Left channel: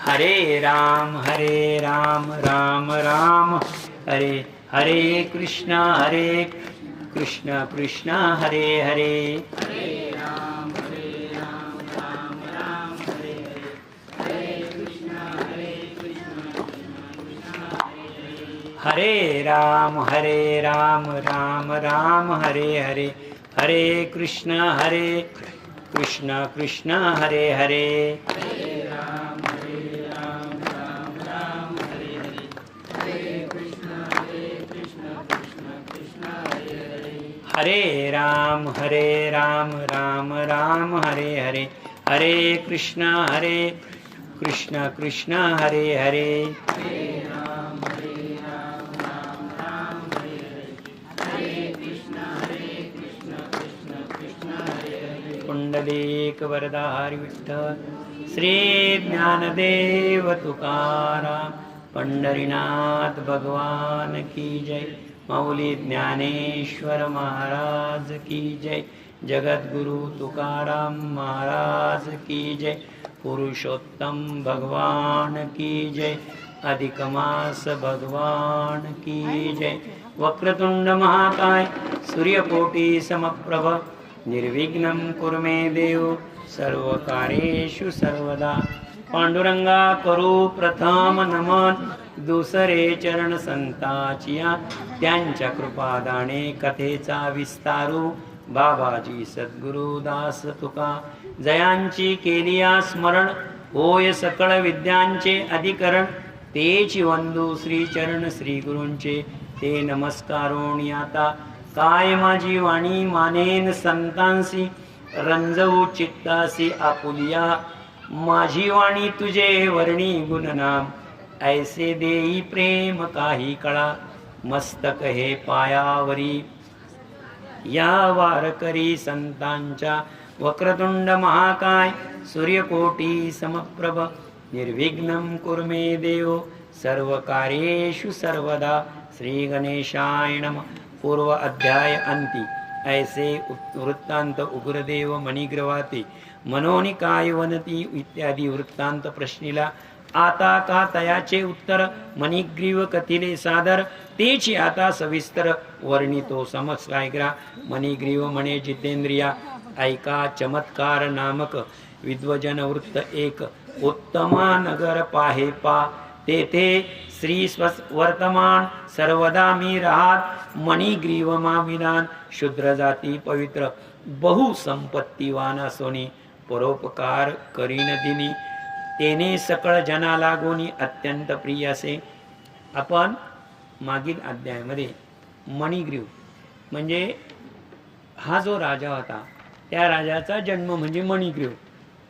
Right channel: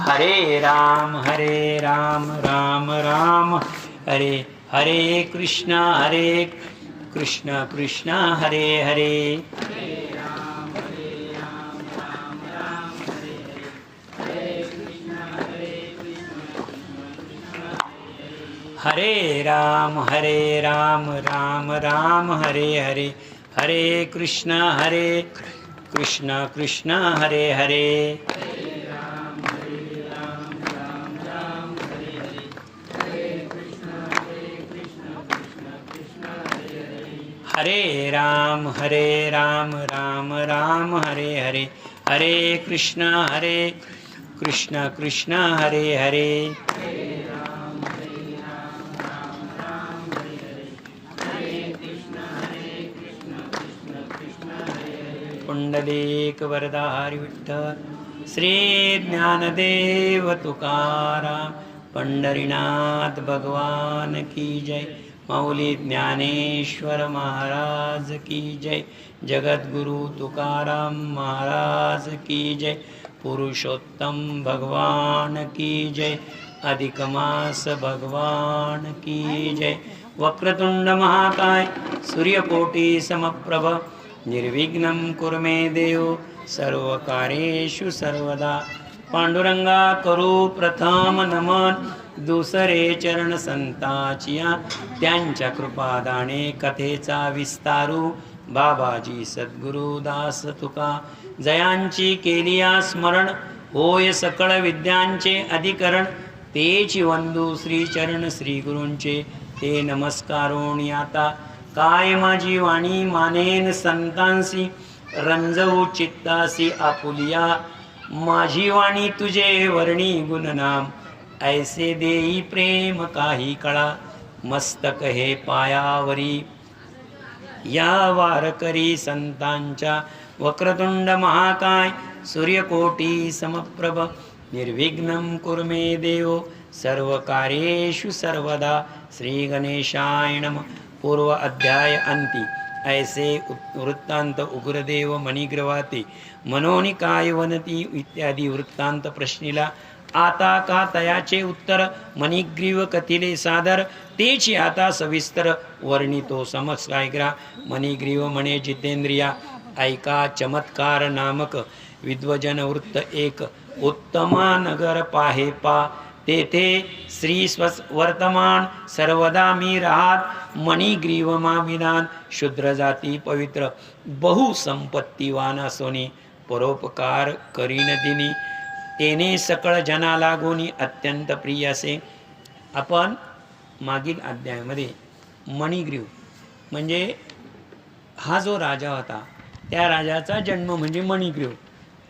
हरे राम राम राम हरे हरे कृष्ण कृष्ण हरे हरे। हरे राम राम हरे हरे हरे कृष्ण कृष्ण हरे हरे। हरे राम राम हरे हरे हरे कृष्ण कृष्ण हरे हरे। पुंडलीक वरदा हरि विठ्ठल श्री ज्ञानदेव तुकाराम पंढरीनाथ भगवान की जय। मौली ज्ञानेश्वर महाराज की जय। जगद्गुरु तुकाराम महाराज की जय। पुरुषोत्तम भगवान की जय। अधिक मास भगवान की जय। वक्रतुंड महाकाय सूर्यकोटि समप्रभ निर्विघ्नं कुरु मे देव सर्वकार्येषु सर्वदा। पांडुरंगा करू प्रथम नमन दुसरे चरण संताचिया त्यांच्या कृपादाने कथेचा विस्तारू। बाबाजी सद्गुरु दास तुका जयांची केलिया स्मरण होय सकळ विद्यांचे अधिकरण। तेची वंदू श्री चरण श्री गुरूंचे ते नमस्कारोणी आता। काय माझी वाणी मानेन संतांसी रंजवू चित्तासी आपुलिया। माझी वाणी तुझे वर्णी गुणनाम ऐसे देई प्रेम काही कळा। मस्तक हे पायावरी या वारकरी संतांच्या। वक्रतुंड महाकाय सूर्यकोटि समप्रभ निर्विघ्नं कुरु मे देव सर्वकार्येषु सर्वदा। श्री गणेशाय नमः। पूर्व अध्याय अंती ऐसे वृत्तांत उग्रदेव मणिग्रवाते मनोनिकाय वनती इत्यादी वृत्तांत प्रश्निला। आता का तयाचे उत्तर मणिग्रीव कथिले सादर तेची आता सविस्तर वर्णितो समस्कायग्रा। मणिग्रीव म्हणे जितेंद्रिया ऐका चमत्कार नामक विद्वजन वृत्त एक। उत्तमा नगर पाहे पा तेथे श्री वर्तमान सर्वदा मी राहात। मणिग्रीव माविधान शूद्र जाती पवित्र बहुसंपत्तीवान असोनी परोपकार करीन दिनी तेने सकळ जना लागोनी अत्यंत प्रिय असे। आपण मागील अध्यायामध्ये मणिग्रीव म्हणजे हा जो राजा होता त्या राजाचा जन्म म्हणजे मणिग्रीव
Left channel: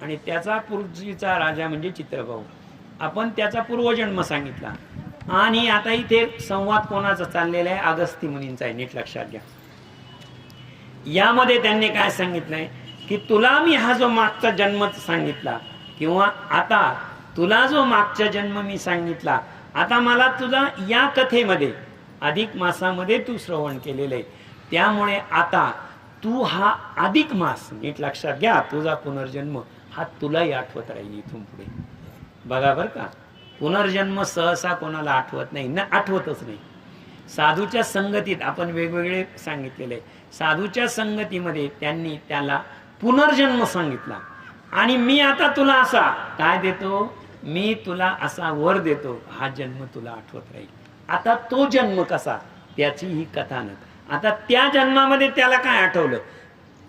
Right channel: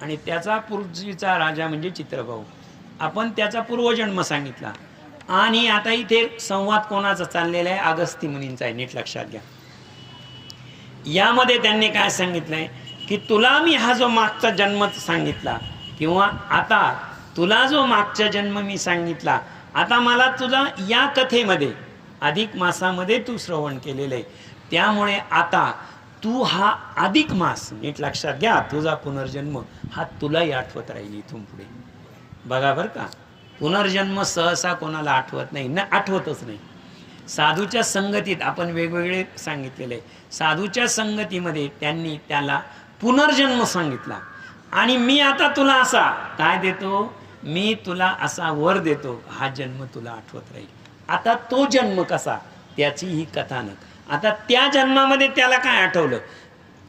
आणि त्याचा पूर्वीचा राजा म्हणजे चित्रभाऊ। आपण त्याचा पूर्वजन्म सांगितला आणि आता इथे संवाद कोणाचा चाललेला आहे अगस्ती मुनींचा आहे। नीट लक्षात घ्या। यामध्ये त्यांनी काय सांगितलंय की तुला मी हा जो मागचा जन्म सांगितला किंवा आता तुला जो मागचा जन्म मी सांगितला आता मला तुझा या कथेमध्ये अधिक मासामध्ये तू श्रवण केलेलं आहे त्यामुळे आता तू हा अधिक मास नीट लक्षात घ्या तुझा पुनर्जन्म हा तुलाही आठवत राहील इथून पुढे। बघा बरं का पुनर्जन्म सहसा कोणाला आठवत नाही ना आठवतच नाही। साधूच्या संगतीत आपण वेगवेगळे सांगितलेले साधूच्या संगतीमध्ये त्यांनी त्याला पुनर्जन्म सांगितला आणि मी आता तुला असा काय देतो मी तुला असा वर देतो हा जन्म तुला आठवत राहील। आता तो जन्म कसा त्याची ही कथानक। आता त्या जन्मामध्ये त्याला काय आठवलं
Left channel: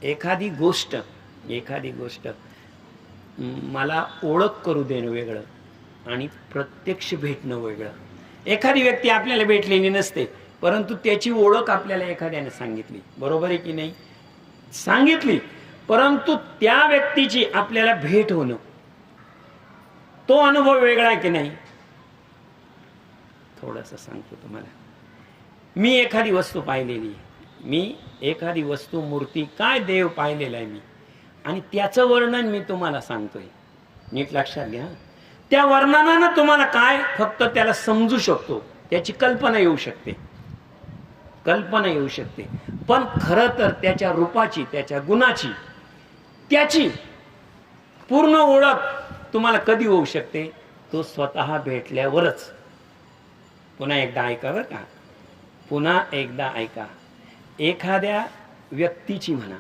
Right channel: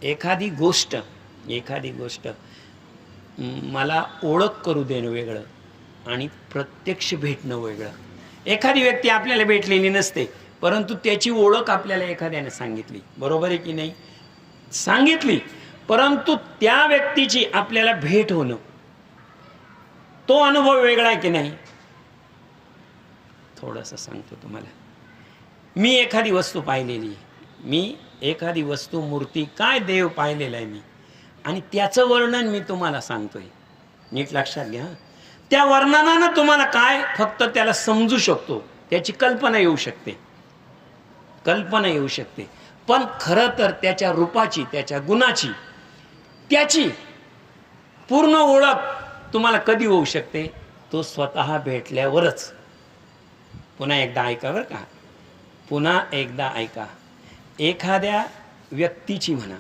एखादी गोष्ट मला ओळख करू देणं वेगळं आणि प्रत्यक्ष भेटणं वेगळं। एखादी व्यक्ती आपल्याला भेटलेली नसते परंतु त्याची ओळख आपल्याला एखाद्याने सांगितली बरोबर आहे की नाही सांगितली परंतु त्या व्यक्तीची आपल्याला भेट होणं तो अनुभव वेगळा आहे की नाही। थोडंसं सांगतो तुम्हाला। मी एखादी वस्तू पाहिलेली आहे मी एखादी वस्तू मूर्ती काय देव पाहिलेला आहे मी आणि त्याचं वर्णन मी तुम्हाला सांगतोय नीट लक्षात घ्या। त्या वर्णनानं तुम्हाला काय फक्त त्याला समजू शकतो त्याची कल्पना येऊ शकते पण खरं तर त्याच्या रूपाची त्याच्या गुणाची त्याची पूर्ण ओळख तुम्हाला कधी होऊ शकते तो स्वतः भेटल्यावरच. पुन्हा एकदा ऐका बरं का, पुन्हा एकदा ऐका. एखाद्या व्यक्तीची म्हणा,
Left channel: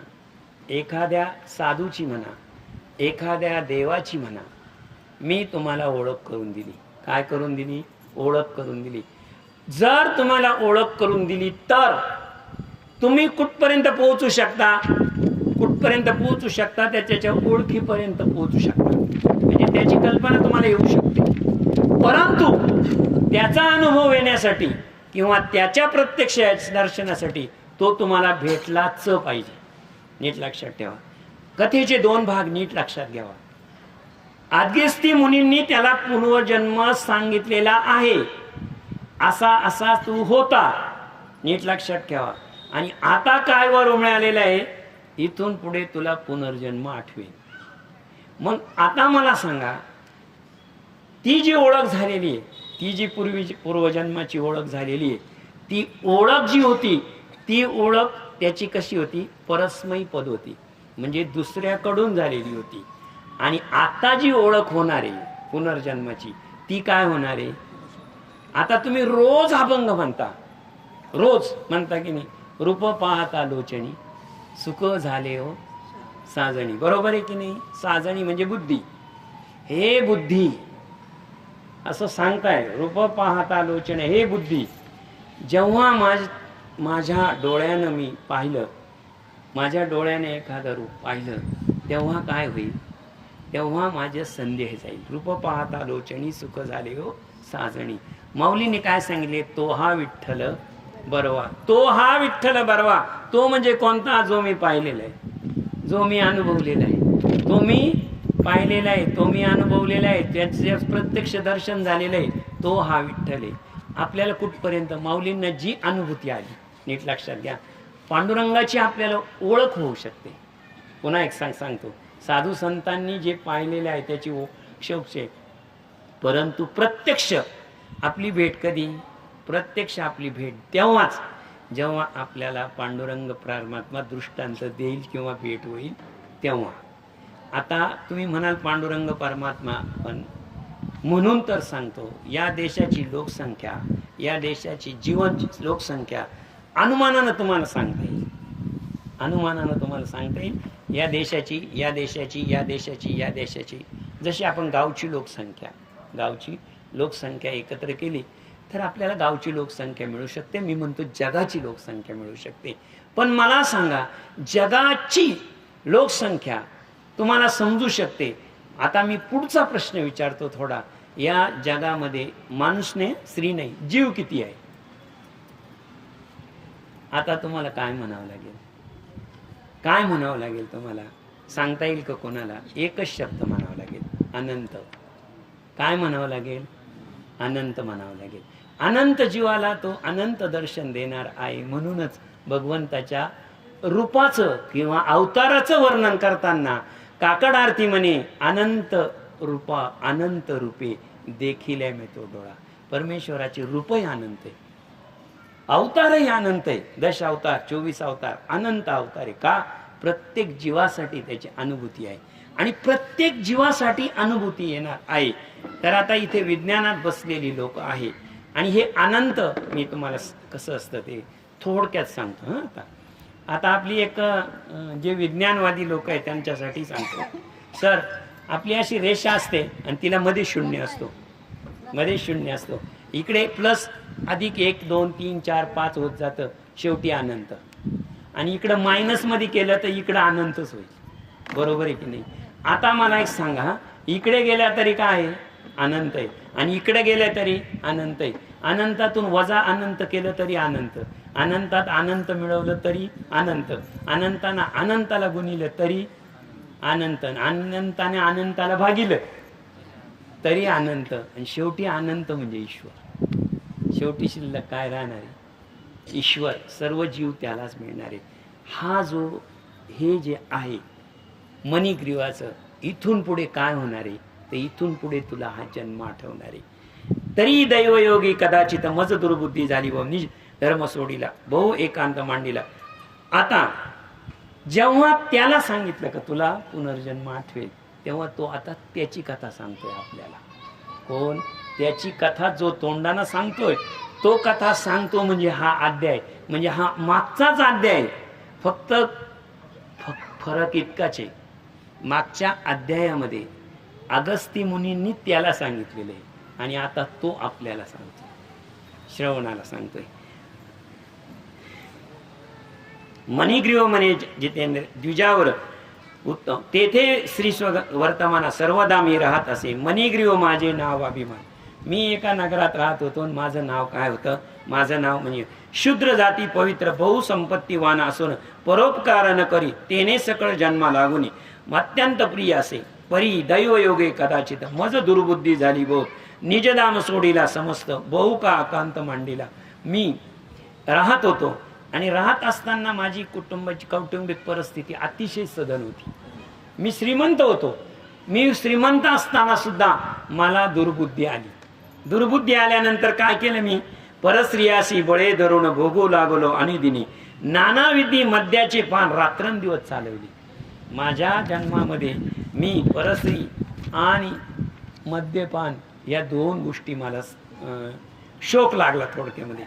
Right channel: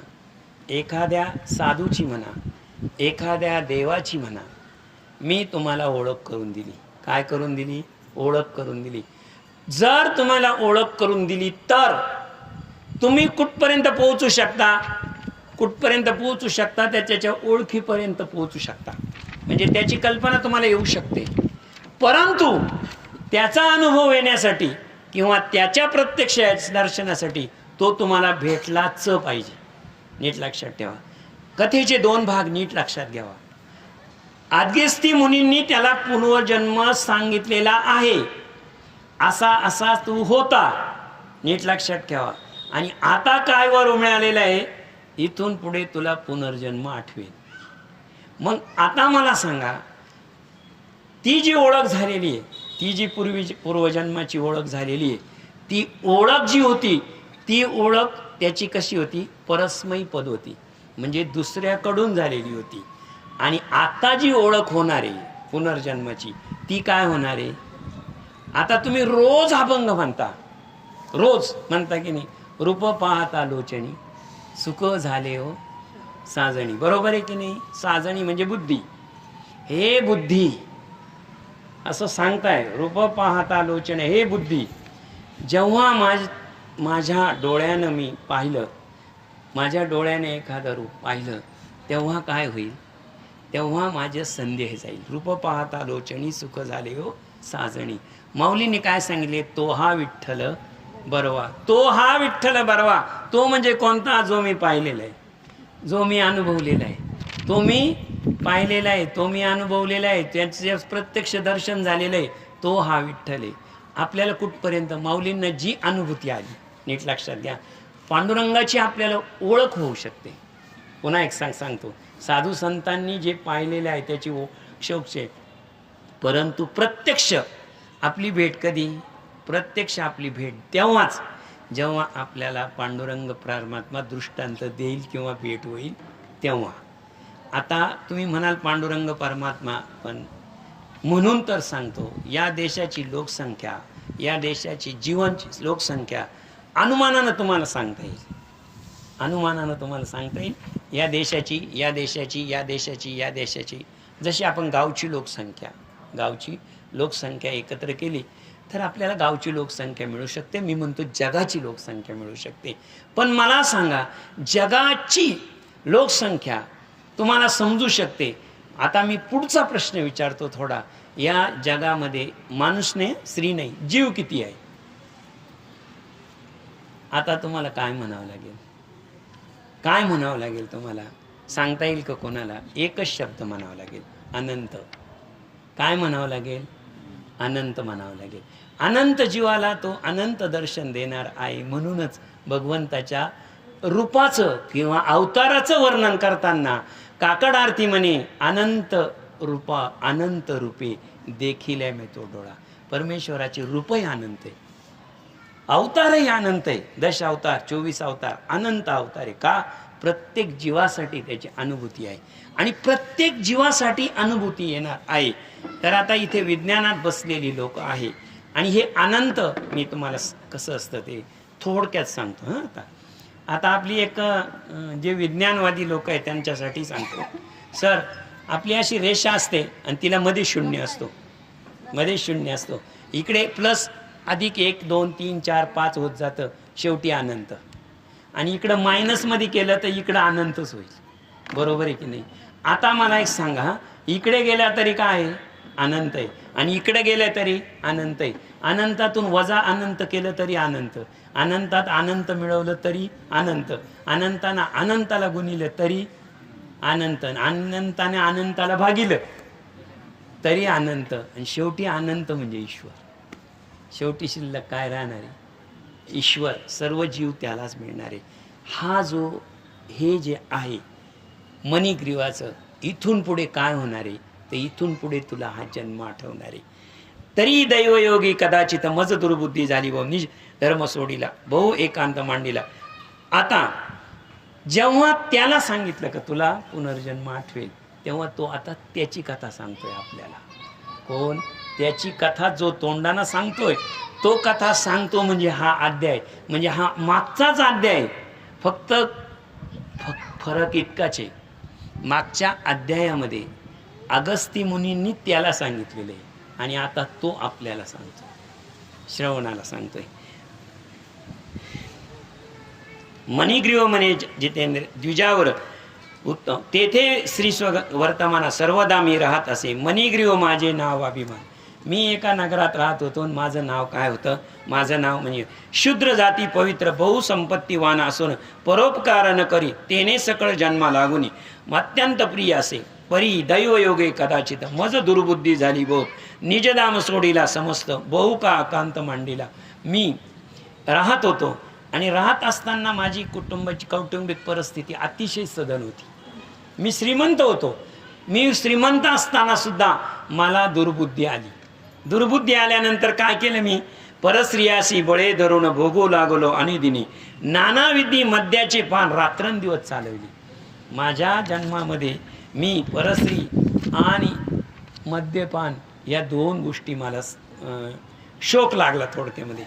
एखाद्या साधूची म्हणा, एखाद्या देवाची म्हणा, मी तुम्हाला ओळख करून दिली. काय करून दिली? ओळख करून दिली. जर तुम्हाला ओळख करून दिली तर तुम्ही कुठपर्यंत पोहोचू शकता? कुठपर्यंत पोहोचू शकता? त्याच्या ओळखीपर्यंत पोहोचू शकता. म्हणजे त्याची कल्पना तुम्हाला येऊ शकते. परंतु त्याचा अनुभव येण्यासाठी किंवा त्याच्या प्रत्यक्ष दर्शनासाठी तो तुम्हाला भेटलाच पाहिजे. नीट लक्षात ठेवा. कथेचे 2 भाग नीट लक्षात घ्यावा. आद्यस्ती मुनींनी त्याला पुनर्जन्म सांगितलेला आहे. असा असा तू होता. नीट लक्षात ठेवा. आणि आता काय वर मिळालेलं आहे? इथून पुढे तुला पुनर्जन्म आठवेल. मग आता मला सांगा, ती जी ओळख झालेली आहे, ती जी पूर्वजन्माची ओळख झालेली आहे, ती ओळख जी होती, ती ओळख त्याची कशी होती? परस्मयी पद होती. म्हणजे दुसऱ्याकडून झालेली होती. आणि आता जी ओळख होणार आहे पुनर्जन्माची, ती काय होणार आहे? आता तुम्ही रोज अभंग म्हणता, रोज म्हणता की नाही? रूप पाहता लोचनी सुख झाले हो साजणी. बरोबर आहे की नाही? साजणी म्हणजे बुद्धी. हे बुद्धी असं सांगताय. रूप पाहता लोचने, हे बुद्धी. जेव्हा माझ्या डोळ्यानं मी पाहिलं, माझ्या डोळ्याने एखादं रूप पाहिलं, तेव्हा काय होईल? तेव्हा माझे संदेह जाईल. रूप पाहता लोचनी सुख झाले हो साजणी. माऊलीने काय सांगितले? तो हा विठ्ठल बरवा. तो हा विठ्ठल बरवा. तो म्हणजे कोणता? जो मी पाहिलेला आहे, जो मी अनुभवलेला आहे, तो मी पाहिलेला आहे, तो मी अनुभवलेला आहे, त्याचे प्रत्यक्ष दर्शन झालेलं आहे, तो हा विठ्ठल आहे. आपल्याला कुठपर्यंत? माऊलींना जी अनुभूती आली, नीट लक्षात घ्या, पांडुरंगाची आपल्याला ओळख होऊ शकते. पुन्हा एक सांगतो, साधू संतांनी जे पाहिलेले आहे त्याची ओळख, परंतु प्रत्यक्ष आपली भेट कधी? प्रत्यक्ष आपली भेट तेव्हाच जेव्हा आपल्याला पांडुरंग परमात्मा दृष्टांत देईल किंवा भेट होईल तेव्हा. आता तुम्ही म्हणाल पांडुरंग परमात्मा, पण म्हणून तर सांगतो, या देशाची लोकसंख्या, या देशाची जीवन लोकसंख्या अनुमानानं तुम्हाला सांगता येईल. अनुमानानं तुम्हाला सांगता येईल. या देशाची, या देशाची, या देशाची, या देशाची, जशी आपण गावची लोकसंख्या एकत्र केली तर आपल्याला गावची लोकसंख्या मिळू शकते. मी म्हणतो जगाची लोकसंख्या मिळू शकते. पण मला सांगा, जगाची लोकसंख्या तुम्हाला समजू शकते. आता मी पुढचा प्रश्न विचारतो थोडा. या जगामध्ये माणूस नाही, स्त्री नाही, जीव किती आहे? आता तुम्हाला काय म्हणावं लागेल? काय म्हणावं लागेल तुम्हाला? सांगता येईल का कोणाला? एकच शब्द म्हणावा लागेल, अनंत. काय म्हणावं लागेल? अनंत म्हणावं लागेल. अनंत जीवाला तो अनंत दर्शन देणार आहे. म्हणूनच भगवंताच्या रूपाचं किंवा अवताराचं वर्णन करताना काकड आरती म्हणे, अनंत रूपा अनंत रूपे देखील मी तो डोळा. परमेश्वराचे रूपही अनंत आहे, अवतारही अनंत आहे. 10 अवतार, 24 अवतार, अनंत अवतार आहे. का? प्रत्येक जीवासाठी त्याची अनुभूती आहे आणि प्रत्येक जीवासाठी अनुभूती येणार आहे. तर आता इथे विज्ञानात बसलेली लोक आहे आणि हे अनंत, मी तुम्हाला कसं असतं ते थोडक्यात सांगतो. आता आपली एक जे विज्ञानवादी लोक आहेत त्यांच्यासाठी सांगतो. सर, आपली अशी रेषा असते आणि तिला मध्ये शून्य असतो, मध्ये शून्य असतो. इकडे प्लस अधिक 1 2 3 4 5 होत जातं, शेवटी अनंत. आणि इकडं मायनसमध्ये केलं तर इकडं अनंतच होईल. बरोबर आहे की नाही? आता मला एक सांगा, इकडे गेला तरी काय आहे? अनंत आहे. आणि इकडे गेलं तरी अनंत आहे. अनंतातून वजा अनंत केलं तरी अनंत. अनंतात अनंत मिळवलं तरी अनंत. अनंतानं अनंताला गुणिलं तरी अनंत. अनंताने अनंताला भागिलं तरी अनंत. आणि शेवटी अनंत म्हणजे ईश्वर. शेवटी शिल्लक काय राहणार आहे? ईश्वर. सर्व जीव त्यालाच मिळणार आहे. हा जो हे जे आहे मणिग्रीवाचं, इथून पुढे काय होणार आहे? तर इथून पुढे तुला हा जन्म आठवणार आहे. तरी दैवयोगी कदाचित मज दुर्बुद्धी झाली व निज धर्म सोडीला, बहु एकांत मांडीला. आता जेव्हा त्याला सांगितलं का तुला पुनर्जन्म आठवेल, तेव्हा तो आता त्याची कथा सांगतोय आपल्याला. कोण? त्याची कथा जो तोंडानं सांगतोय तो कथा सांगतो, म्हणजे हा अध्याय, म्हणजे हा मागचाच अध्याय. फक्त फरक इतकाच आहे, मागच्या अध्यायामध्ये अगस्ती मुनींनी त्याला सांगितलेलं आहे आणि आता तो आपल्याला सांगतो, श्रवणाला सांगतोय. मणिग्रीव म्हणे जितेंद्र द्विजावर उत्तम तेथे श्री वर्तमाना सर्वदा मी राहत असे. मणिग्रीव माझे नाव अभिमान. मी एका नगरात राहत होतो. माझं नाव काय होतं? माझं नाव म्हणजे शूद्र जाती पवित्र बहुसंपत्तीवान असून परोपकार न करी तेने सकळ जन्मा लागुनी अत्यंत प्रिय असे. परी दैवयोगे कदाचित मज दुर्बुद्धी झाली बहु निजदान सोडीला समस्त बहु का अकांत मांडीला. मी राहत होतो आणि राहत असताना माझी कौटुंबिक परिस्थिती अतिशय सधन होती. मी श्रीमंत होतो. मी श्रीमंत असताना सुद्धा मला दुर्बुद्धी आली. दुर्बुद्धी आल्यानंतर काय केलं मी? परस्त्रियाशी बळे धरून भोगू लागलो आणि दिनी नानाविधी मद्याचे पान रात्रंदिवस चालवली. माझ्या जन्मामध्ये मी परस्त्री आणि मद्यपान या दोन गोष्टी मला शोक लागला थोडक्यामध्ये.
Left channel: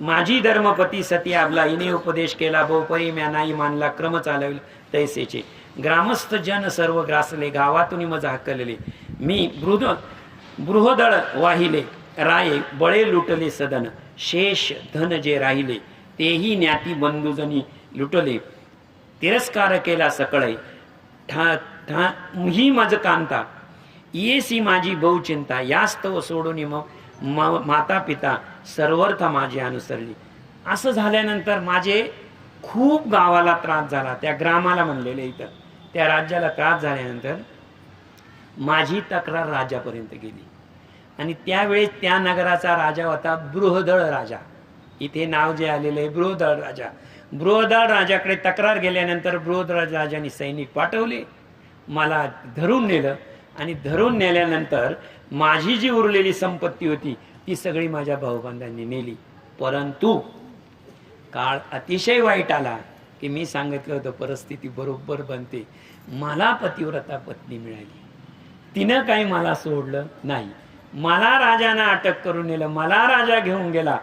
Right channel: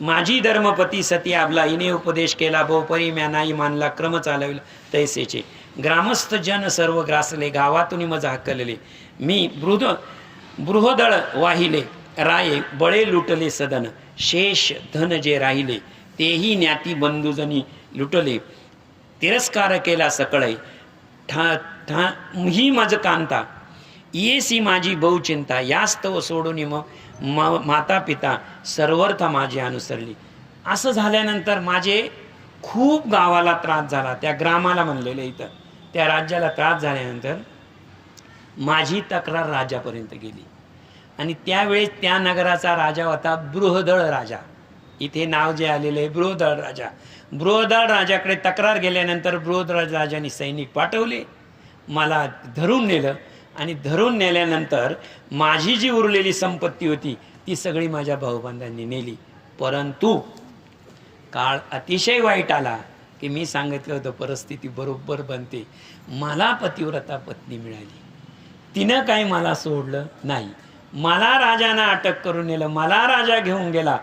माझी धर्मपती सती आबला हिने उपदेश केला बहुपरी म्या नाही मानला क्रम चालविल तैसेचे. ग्रामस्थ जन सर्व ग्रासले गावातून मज हाकलले. मी बृहदळ वाहिले राये बळे लुटले सदन. शेष धन जे राहिले तेही ज्ञाती बंधुजनी लुटले. तिरस्कार केला सकळे ही मज कांता येसी माझी बहुचिंता. यास्तव सोडून माता पिता सर्वर्थ माझी अनुसरली. असं झाल्यानंतर माझे खूप गावाला त्रास झाला. त्या ग्रामाला म्हणलेलं इथं त्या राज्याला त्रास झाल्यानंतर माझी तक्रार राजापर्यंत गेली आणि त्यावेळेस त्या नगराचा राजा होता बृहदळ राजा. इथे नाव जे आलेलं आहे बृहदळ राजा. बृहदळ राजाकडे तक्रार गेल्यानंतर बृहदळ राजाने सैनिक पाठवले. मला धरून नेलं आणि धरून नेल्यानंतर माझी जी उरलेली संपत्ती होती ती सगळी माझ्या भाऊबंधांनी नेली. परंतु काळ अतिशय वाईट आला की मी सांगितलं होतं परिस्थिती बरोबर बनते. मला पतिव्रता पत्नी मिळाली. तिनं काही मला सोडलं नाही. मला राजानं अटक करून नेलं. मला राजा घेऊन गेला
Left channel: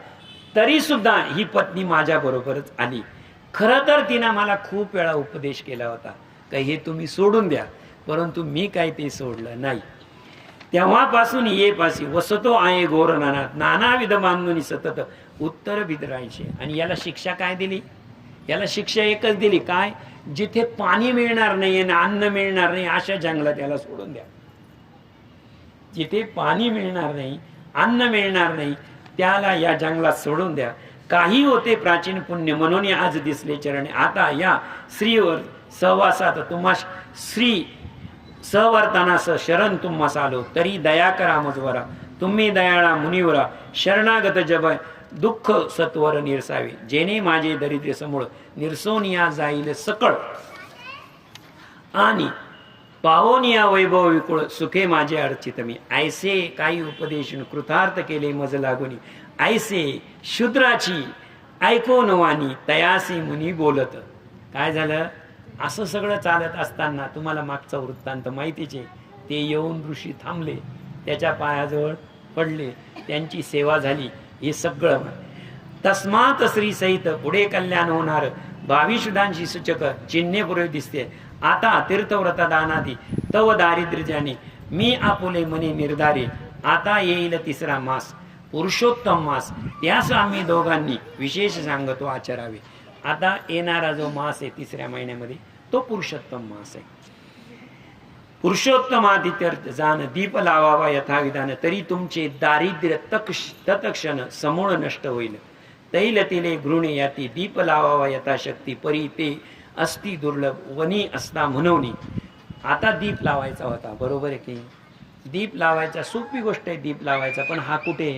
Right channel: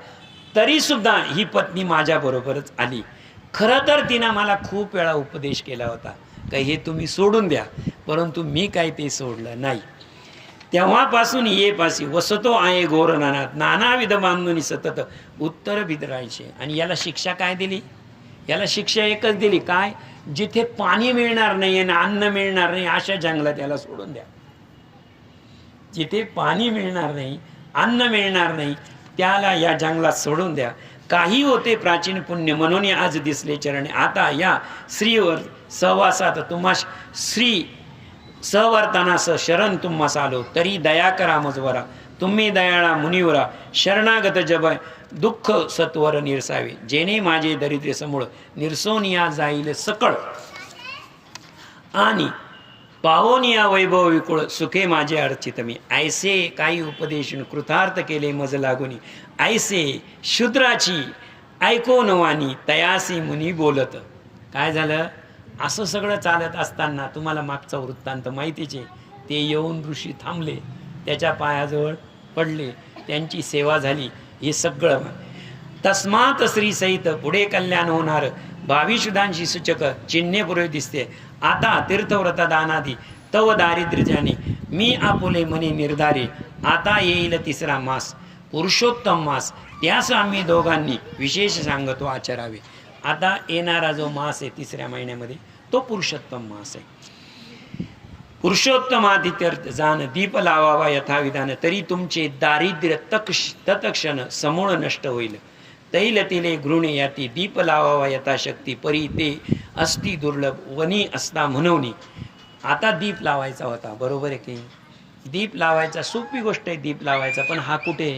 तरी सुद्धा ही पत्नी माझ्या बरोबरच आली. खरं तर तिनं मला खूप वेळा उपदेश केला होता का हे तुम्ही सोडून द्या, परंतु मी काही ते सोडलं नाही. तेव्हापासून ये पासी वसतो आहे गोरनानात नानाविध बांधून सतत उत्तर बिदरायचे. आणि याला शिक्षा काय दिली? याला शिक्षा एकच दिली, काय? जिथे पाणी मिळणार नाही आणि अन्न मिळणार नाही अशा जंगलात याला सोडून द्या. जिथे पाणी मिळणार नाही अन्न मिळणार नाही त्याला या जंगलात सोडून द्या. काही होते प्राचीन पुण्य म्हणून आज दिसले चरणे. आता या श्रीवर सहवासात तुम्हास श्री सवर्तनास शरण तुम्हास आलो तरी दया करा मजवरा. तुम्ही दयाळा मुनिवरा शरणागत जब दुःख सत्वर निरसावे. जेणे माझे दरिद्र समूळ निरसोनिया जाईल सकळ आणि पावोनिया वैभव विकुळ सुखे माझे अर्चित मी. ऐसे काही उपदेश कृतार्थ केले मज लागुनी. ऐसे शूद्राची ऐको नवानी तयासी मुनी बोलत. काय झालं? असं सगळं चालत असताना तुम्हाला मागचा वृत्तांत माहितीचे. ते येऊन ऋषी थांबले, त्याच्या पायाजवळ पडले, त्यांची सेवा झाली. हे सगळं तस्मात श्री सहित पुढे कल्याण होणार. 22 शुद्धांशी सूचक चिन्हे पुढे दिसते. आता तीर्थव्रत दानादी तव दारिद्र्याने मी आपुले मने निर्धारे. आता येईल 3रा मास पुरुषोत्तम मास. त्यास आम्ही दोघांनी विशेष सांगतो आचरावे. आता येणारा जो मास आहे 3ऱ्या महिन्यामध्ये तो पुरुषोत्तम मास आहे. पुरुषोत्तमादित्यर्थ जाण दीप लावावा यथाविधान. तरी तुमचे दारिद्र्य तत्क्षण समूळ नष्ट होईल. तैलतिले घृणे याती दीप लावावा यथाशक्ती. परी ते अस्ति दुर्लभ वनी असता म्हणून. आता दीप लावायचा होता, बरोबर आहे की? दीप लावायचा सोपी गोष्ट आहे दीप लावायचा, पण हा कुठे?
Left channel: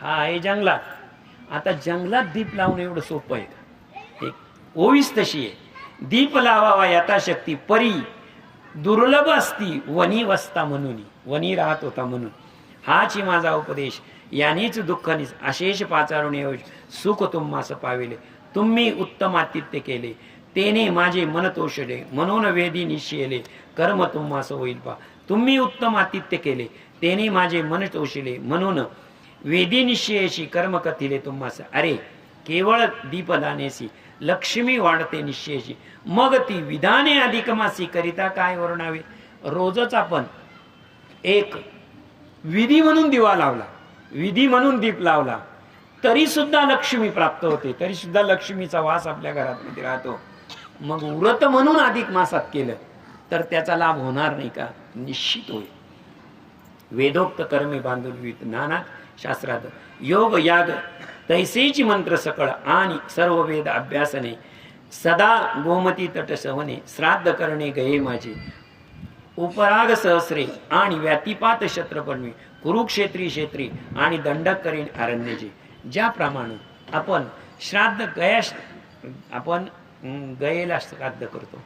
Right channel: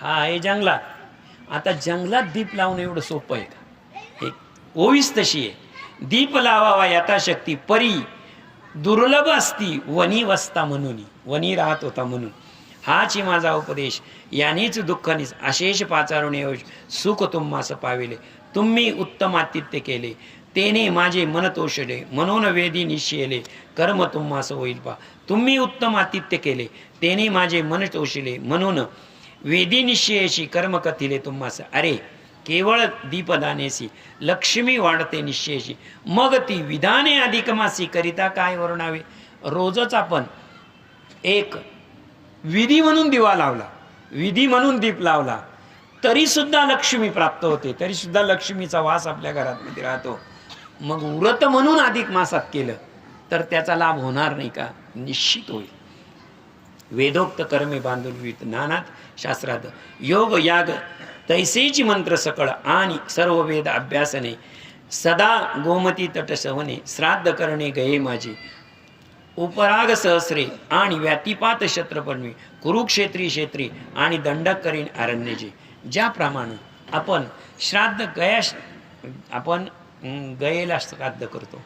हा आहे जंगलात. आता जंगलात दीप लावणं एवढं सोपं आहे? एक ओवीस तशी आहे. दीप लावावा यथाशक्ती परी दुर्लभ असती वनी वसता म्हणून. वनी राहत होता म्हणून. हाच माझा उपदेश. यानेच दुःख अशेष पाचारुणे सुख तुम्हास पाविले. तुम्ही उत्तम आतिथ्य केले तेने माझे मन तोषले. म्हणून वेदी निश्चयले कर्म तुम्हास होईल पा. तुम्ही उत्तम आतिथ्य केले तेने माझे मन तोषिले, म्हणून वेदी निश्चयेशी कर्म कथिले तुम्हास. अरे केवळ दीपदानेसी लक्ष्मी वाढते निश्चयेशी, मग ती विधाने अधिकमासी करिता काय वर्णावे. रोजच आपण एक विधी म्हणून दिवा लावला, विधी म्हणून दीप लावला, तरी सुद्धा लक्ष्मी प्राप्त होते, तरी सुद्धा लक्ष्मीचा वास आपल्या घरात राहतो. मग व्रत म्हणून अधिक मासात केलं तर त्याचा लाभ होणार नाही का? निश्चित होईल. वेदोक्त कर्मे बांधून नानात शास्त्रात योग याग तैसेची मंत्र सकळ आणि सर्व वेद अभ्यासने सदा गोमती तट सहने श्राद्ध करणे गये माझे उपराग सहस्रे आणि व्यातिपात क्षत्रपणवी कुरुक्षेत्री क्षेत्री आणि दंडक करीन अरण्यजे. ज्याप्रमाणे आपण श्राद्ध आपण गयेला श्राद्ध करतो,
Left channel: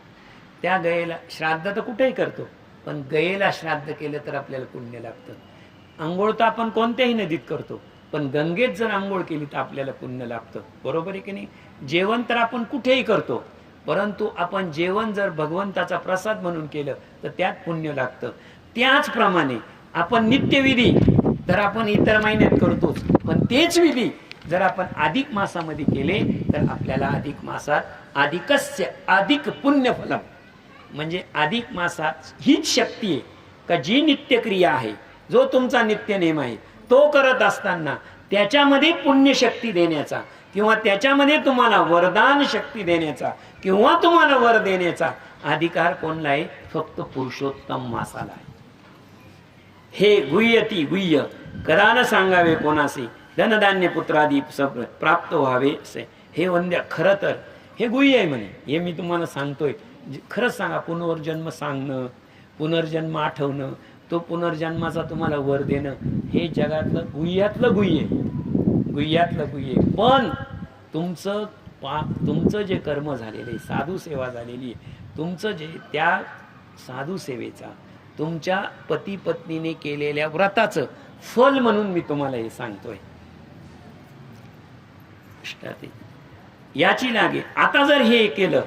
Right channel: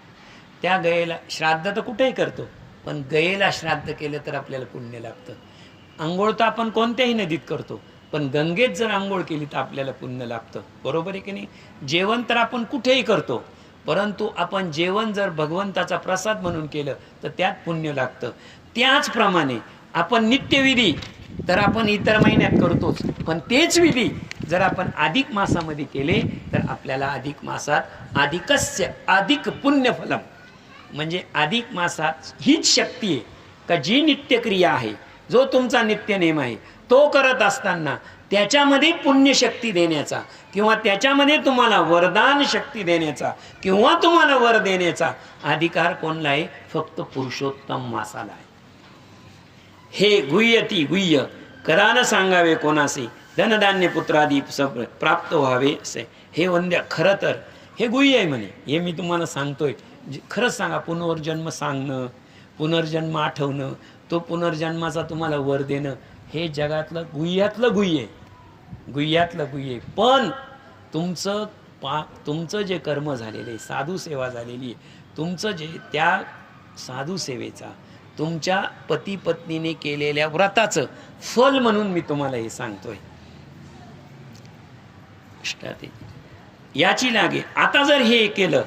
त्या गयेला श्राद्ध तर कुठेही करतो, पण गयेला श्राद्ध केलं तर आपल्याला पुण्य लागतं. आंघोळ तर आपण कोणत्याही नदीत करतो, पण गंगेत जर आंघोळ केली तर आपल्याला पुण्य लाभतं. बरोबर आहे की नाही? जेवण तर आपण कुठेही करतो, परंतु आपण जेवण जर भगवंताचा प्रसाद म्हणून केलं तर त्यात पुण्य लागतं. त्याचप्रमाणे आपण नित्यविधी तर आपण इतर महिन्यात करतोच, पण तेच विधी जर आपण अधिक मासामध्ये केले तर आपल्याला अधिक मासात अधिक पुण्यफलम, म्हणजे अधिक मासात हीच शक्ती आहे का जी नित्यक्रिया आहे, जो तुमचा नित्यनेम आहे तो करत असताना त्याच्यामध्ये पुण्यशक्ती देण्याचा किंवा त्याच्यामध्ये तुम्हाला वरदान शक्ती देण्याचा किंवा तुम्हाला वर देण्याचा अधिकार कोणला आहे? फक्त पुरुषोत्तम मासाला आहे. हे गुह्यती गुह्य करा न सांगावे कोणासे, धनधान्य पुत्रादी प्राप्त व्हावे असे. हे वंद्य खरं तर हे गुह्य आहे म्हणे, हे मी तुम्हाला सांगतोय. खरंच सांगा, पुनर्जन्म सांगणं, पुनर्जन्म आठवणं, तो पुनर्जन्माचा तुम्हाला वर देणं, हे जगातलं गुह्यातलं गुह्य आहे, गुह्यातलं गुह्य. पण तुमचं जे कर्म झालेलं आहे, साधू सेवा झालेली आहे, तुमचं जे त्या साधू सेवेचा तुमच्या पती पत्नीने केलेल्या व्रताचं फल म्हणून मी तुम्हाला हे सांगतोय. याची लागे आता जर हे केलं,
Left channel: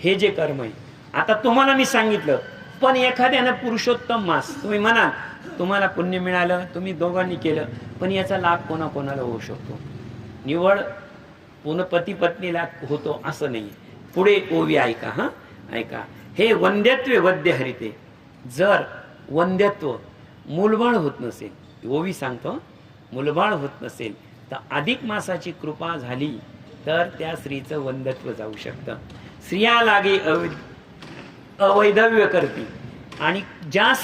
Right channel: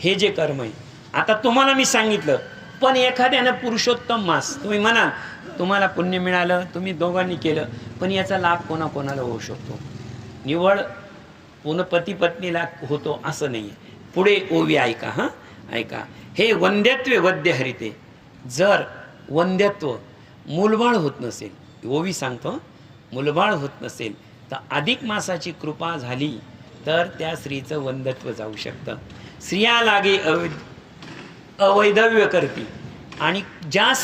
हे जे कर्म आहे आता तुम्हाला मी सांगितलं, पण एखाद्यानं पुरुषोत्तम मास तुम्ही म्हणा तुम्हाला पुण्य मिळालं, तुम्ही दोघांनी केलं, पण याचा लाभ कोणाकोणाला होऊ शकतो? निवड पती पत्नीला होतो असं नाही. पुढे ओवी ऐका, हा ऐका. हे वंद्यत्व वद्य हरिते, जर वंद्यत्व मूलबाळ होत नसेल, ओवी सांगतो, मूलबाळ होत नसेल तर अधिक मासाची कृपा झाली तर त्या स्त्रीचं वंद्यत्व जाऊ शकतं. स्त्रिया लागे अवैधव्य करती. आणि ज्या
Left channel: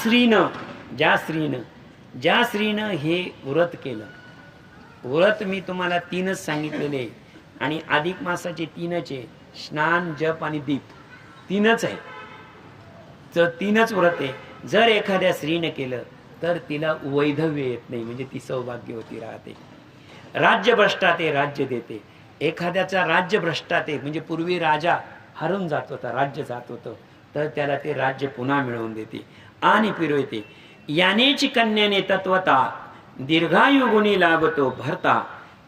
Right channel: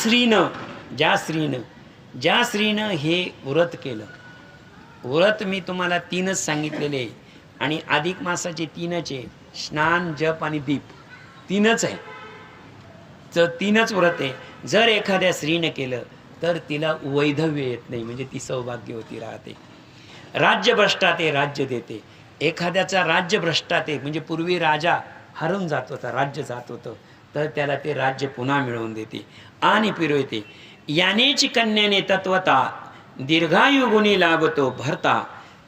स्त्रीनं हे व्रत केलं, व्रत मी तुम्हाला 3च सांगितलेले आणि अधिक मासाचे 3च आहे, स्नान जप आणि दीप 3च आहे, तर 3च व्रत आहे. जर एखाद्या स्त्रीनं केलं तर तिला वैधव्य येत नाही, म्हणजे ती सौभाग्यवती राहते. राज्यभ्रष्टात राज्य देते. एखाद्याचा राज्यभ्रष्टात म्हणजे पूर्वी राजा हरून जात होता, राज्य जात होतं, तर त्याला ते राज्य पुन्हा मिळवून देते आणि फिरवते. यानेची कन्याने तत्वता दीर्घायु गुणी लाभतो भरता.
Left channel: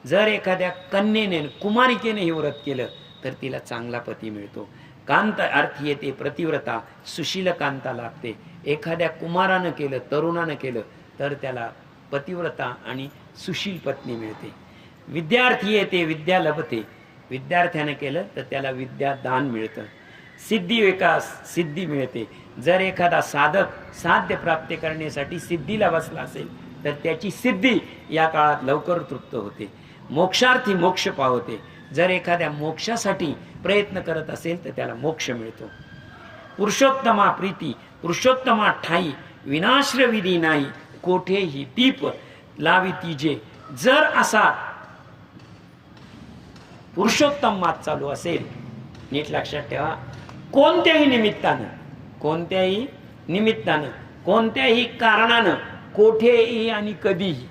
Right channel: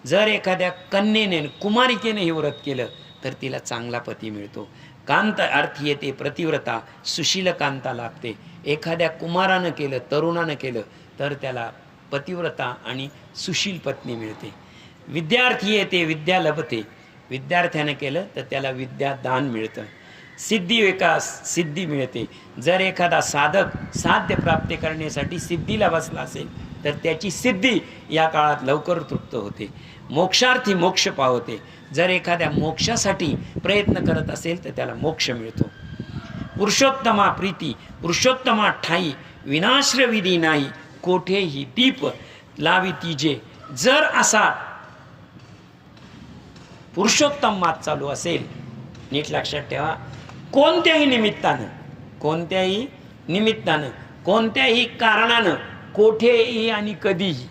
जर एखाद्या कन्येने कुमारिकेने हे व्रत केलं तर तिला चांगला पती मिळतो. कांत अर्थी येते प्रतिव्रता, सुशील कांता लाभते. एखाद्या कुमारानं केलं, तरुणानं केलं तर त्याला पतिव्रता आणि सुशील पत्नी मिळते. विद्यार्थी येते विद्या लभते, विद्यार्थ्यानं केलं तर त्याला विद्यादान मिळतं. सिद्धी विकास सिद्धी मिळते. जर एखादा साधक साध्य प्राप्त करण्यासाठी सिद्धीला बसला असेल तर त्याची सिद्धी या काळात लवकर तृप्त होते. मोक्षार्थी मोक्ष पावते. जर एखाद्या मोक्षासाठी प्रयत्न करत असेल तर त्याला मोक्ष मिळतो. पुरुषोत्तमा प्रीती पुरुषोत्तमा ठाई, विनाश्र विधी नाही कोठेही दीप लावी तिजे. जर असा पुरुषोत्तम मास चालू असेल, नीट लक्षात ठेवा, कोणत्याही निमित्तानं कोणत्याही कारणानं कोठेही आणि कधीही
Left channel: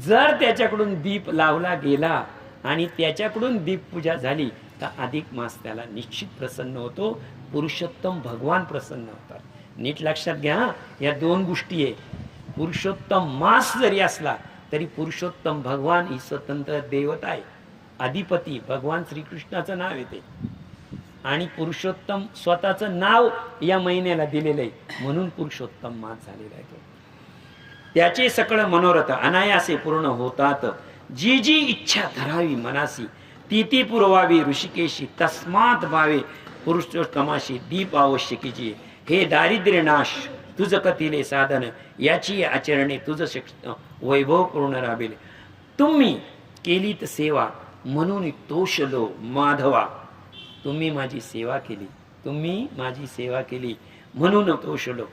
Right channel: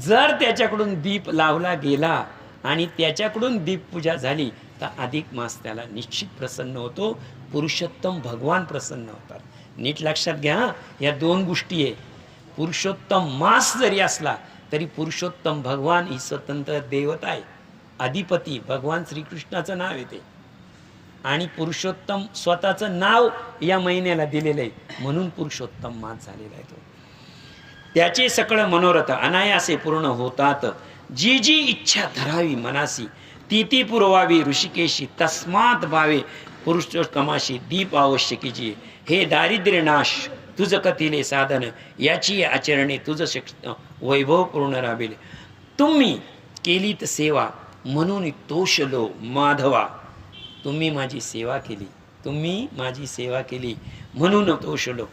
जर त्याच्याकडून दीप लावला गेला आणि त्याच्याकडून दीप पूजा झाली तर अधिक मास त्याला निश्चित प्रसन्न होतो. पुरुषोत्तम भगवान प्रसन्न होतात. नीट लक्षात घ्या, या 2 गोष्टी आहे. पुरुषोत्तम मास जरी असला तरी पुरुषोत्तम भगवान ही स्वतंत्र देवता आहे. अधिपती भगवान श्रीकृष्णाचं नाव येते आणि पुरुषोत्तम स्वतःचं नाव या महिन्याला दिलेलं आहे, म्हणून पुरुषोत्तम मास झालेला आहे तो. त्याचे सकळ मनोरथ अनायासे पूर्ण होतात. जी जी इच्छा धरावी मनासी ती ती पुरवावी ऋषिकेशी. तस्मात भावे पुरुषोत्तमाशी दीप आवश्यकीची. हे दारिद्र्य नाश तुझ कथिले साधन याची आचरणे तुझ वैभव पूर्ण राबिले. तुम्ही केलीत सेवा म्हणून तोषलो माधवा. तुम्ही माझी सेवा केली, तुम्ही माझी सेवा केली म्हणून तोषलो.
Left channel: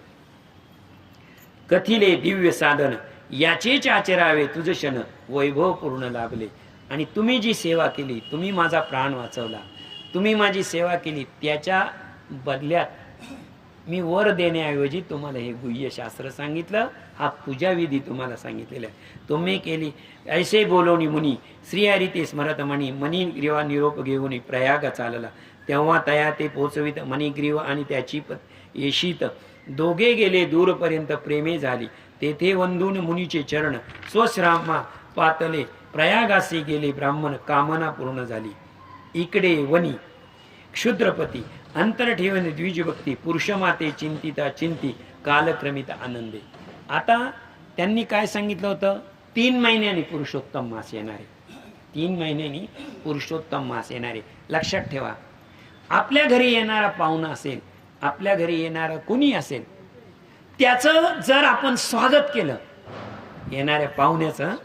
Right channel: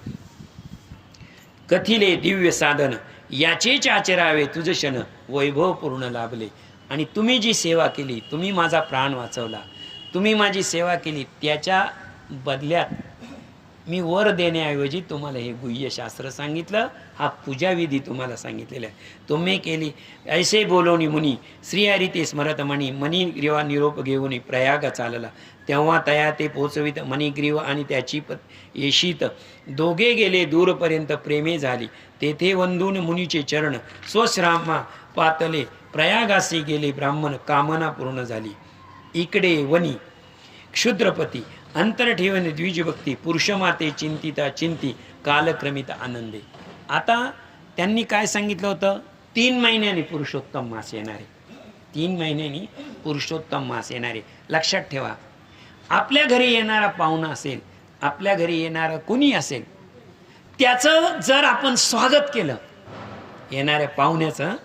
कथिले दिव्य साधन याचेच आचरावे तुझ क्षण वैभव पूर्ण लाभले. आणि तुम्ही जी सेवा केली, तुम्ही माझा प्राण वाचवला, तुम्ही माझी सेवा केली, त्याच्या बदल्यात मी वर देण्याऐवजी तुम्हाला हे गुह्य शास्त्र सांगितलं, हा पूजाविधी तुम्हाला सांगितलेला आहे. तुम्ही केली ऐसे बोलोनी मुनी श्रीहरी ते स्मरत मणी. मणिग्रीवा निरोप घेऊन प्रयाग चालला. तेव्हा तया ते पोचवित मणिग्रीव आणि त्याची येशीत. दोघे गेले दूरपर्यंत प्रेमे झाली. तेथे वंदून मुनीचे चरण स्वश्रामा पातले. प्रयागासी गेले ब्राह्मण कामना पूर्ण झाली. इकडे वनी क्षुद्रपती अंतर ठेवून द्विजभक्ती. पुरुषमाते चिंतिता चिंती कालक्रमित आनंदे. आता त्यांनी काय सांगितलं होतं? 3 महिन्यांनी पुरुषोत्तम मास येणारे, 3 महिन्यांनी पुरुषोत्तम मास येणारे. लक्षात ठेवा, आपल्या घरी येणारा पाहुणा असेल, आपल्या घरी येणारा कोणी असेल, त्याचं जर आपण स्वागत केलं, येणाऱ्या पाहुण्याचं,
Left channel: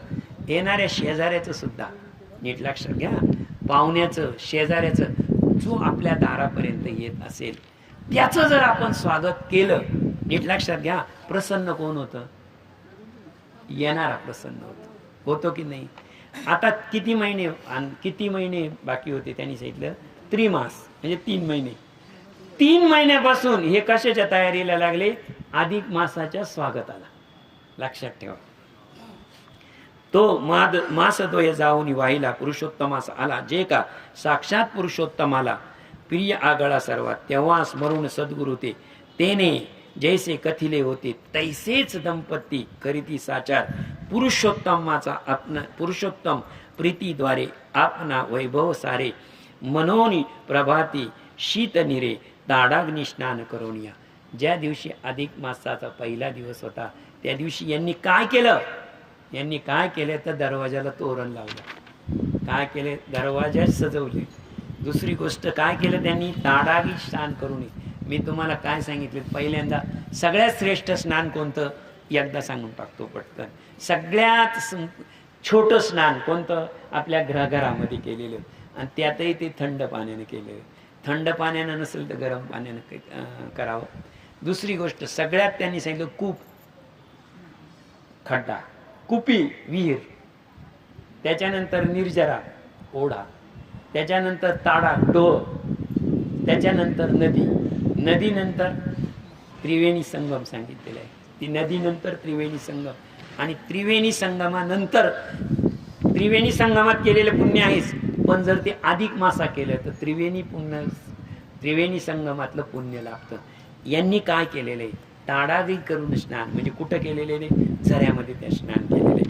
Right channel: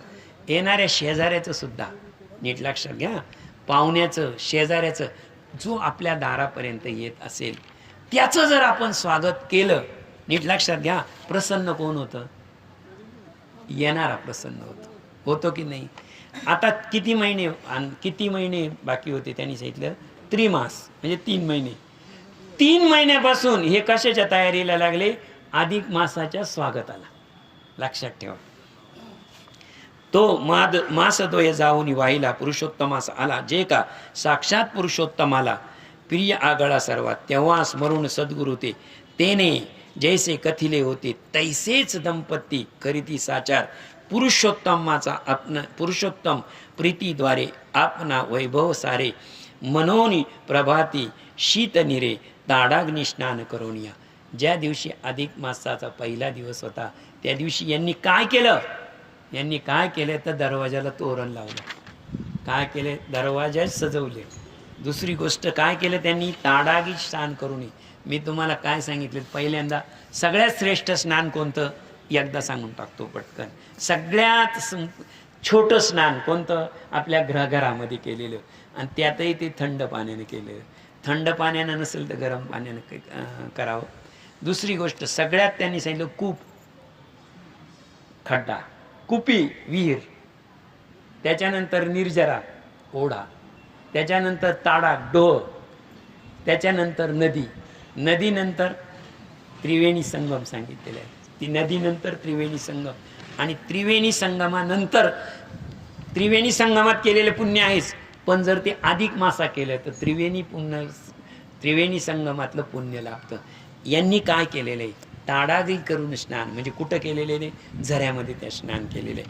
येणाऱ्या शेजाऱ्याचं सुद्धा, नीट लक्षात घ्या, पाहुण्याचं शेजाऱ्याचं जो आपल्या दारापर्यंत येत असेल त्याचं जर आपण स्वागत केलं, नीट लक्षात घ्या, प्रसन्न कोण होतं? येणारा प्रसन्न होतो की नाही? आता किती महिने बाकी होते? त्यांनी सांगितलं त्रिमास म्हणजे 3 महिने. 3 महिन्यापासून हे कशाच्या तयारीला लागले? अधिक मासाच्या स्वागताला. लक्षात ठेवा. तो मास तो जाऊन वाहिला पुरुषोत्तमास आला. जे का साक्षात पुरुषोत्तमाला प्रिय आगळा सर्वात. तेव्हा स्मरून सद्गुरु तेने जैसे कथिले होते तैसेच दंपती करीती साचार. पुरुषोत्तम प्रीतीद्वारे आपणा वैभव सारे. मनोनी प्रभाती शीत निरे ताडाग्नी स्नान करून या. ज्या दिवशी अधिक मासाचा पहिला दिवस होता त्या दिवशी यांनी काय केलं? यांनी काय केलं तर दरवाजाला तोरण लावलं. काय केले? दरवाजा सजवले. दुसरी गोष्ट काय केलं त्यांनी? ताडागी स्नान करून. मी तुम्हाला काय सांगितलं पहिल्यांदा? सगळ्यात श्रेष्ठ स्नान कोणतं? एकदा सांगून टाकतो पटकन. सगळ्यात छोटं स्नान कोणतं? आपल्या घरामध्ये केलेलं, आणि त्यातही ते थंड पाण्याने केलेलं. थंड पाण्यानं नसेल तर गरम पाण्यानं करावं. दुसरी गोष्ट सगळ्यात त्यांनी सांगितलं कूप, खड्डा, कुपी विहीर, त्याच्यानंतर निर्जरा ओढा, त्याच्यानंतर ताडा डोह, त्याच्यानंतर नदी, नदीनंतर त्रिवेणी संगम सांगितलेलं आहे. ती नदीनंतर त्रिवेणी संगम, आणि त्रिवेणी संगमानंतर त्रिवेणी संगमात केलेले पुण्य आहेच, पण जर ते अधिक मासा केलं तर त्रिवेणी संगमातलं पुण्य लाभतं. यांनी काय केलेलं आहे? ताडादी करून स्नान, म्हणजे कुठं केलेले? झऱ्यामध्ये त्या स्नान केलेले.